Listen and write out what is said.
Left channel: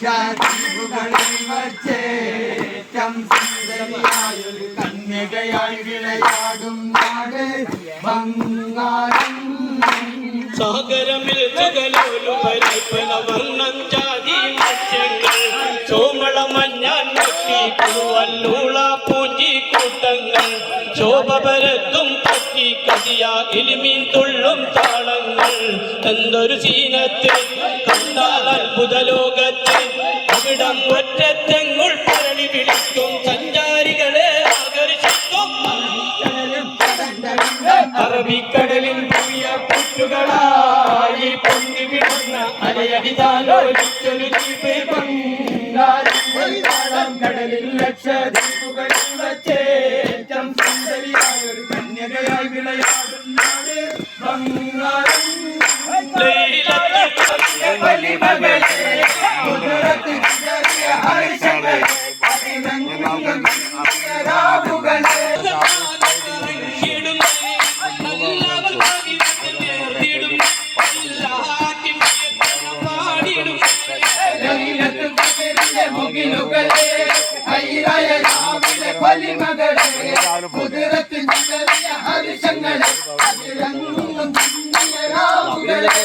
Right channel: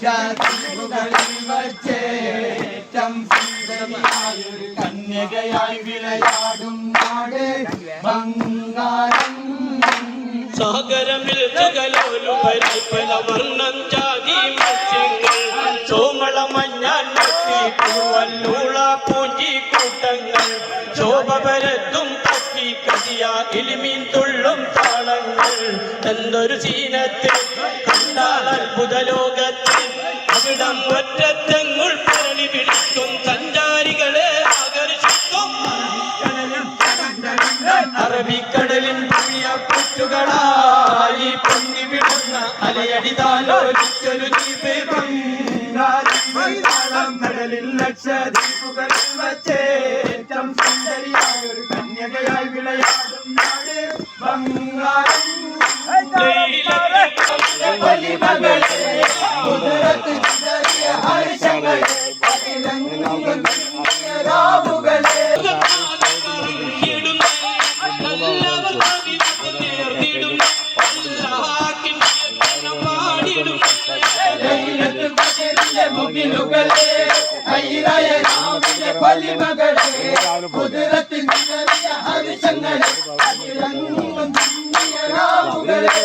ലക്ഷദ്വീപുകളിൽ വച്ചേറ്റം സുന്ദരിയായൊരു കന്യകയായി വിളയാടും നാട് ബംഗാരം. സാഗരമിൽ തുകലോലുപരിപ്പല വർണ്ണം ജാതി മത്സ്യങ്ങൾ ചോമള മഞ്ഞാൻ പൂവല്ലൂള പൂഞ്ചി കൂട്ടങ്ങൾ ശോഭ പരത്തും പറ്റി കതിയ എലിമീൻ തുള്ളും താളങ്ങൾ എന്തൊരു സീനത്തിൽ കണ്ടാൽ അത്ഭുത ലോകത്തിൽ അവിടം ഒറ്റത്തെങ്ങുൾ പരളി വിളിക്കും സഞ്ചാരികളെ ആകർഷിക്കും അറബിക്കടലിൽ പുതിയ പുറ്റുകളായി പൊങ്ങി വിടുന്ന അലയടിതാലോലിച്ചൊരു ദ്വീപ് ബംഗാളം. കടലിൽ ലക്ഷദ്വീപുകളിൽ വച്ചേറ്റം സുന്ദരിയായൊരു കന്യകയായി വിളയാടും നാട് ബംഗാളം. വലിമകളെ കുതിരത്ത് ചെറിയ ഹർഷങ്ങളെ അതിലങ്ങും രാവുകളെ മുകിലുകളെ കൈരായ രാവിലെ പൊലിമകളെ കുതിരത്തിൻ ചെറിയ ഹർഷങ്ങളെ അതിലങ്ങും രാവുകളെ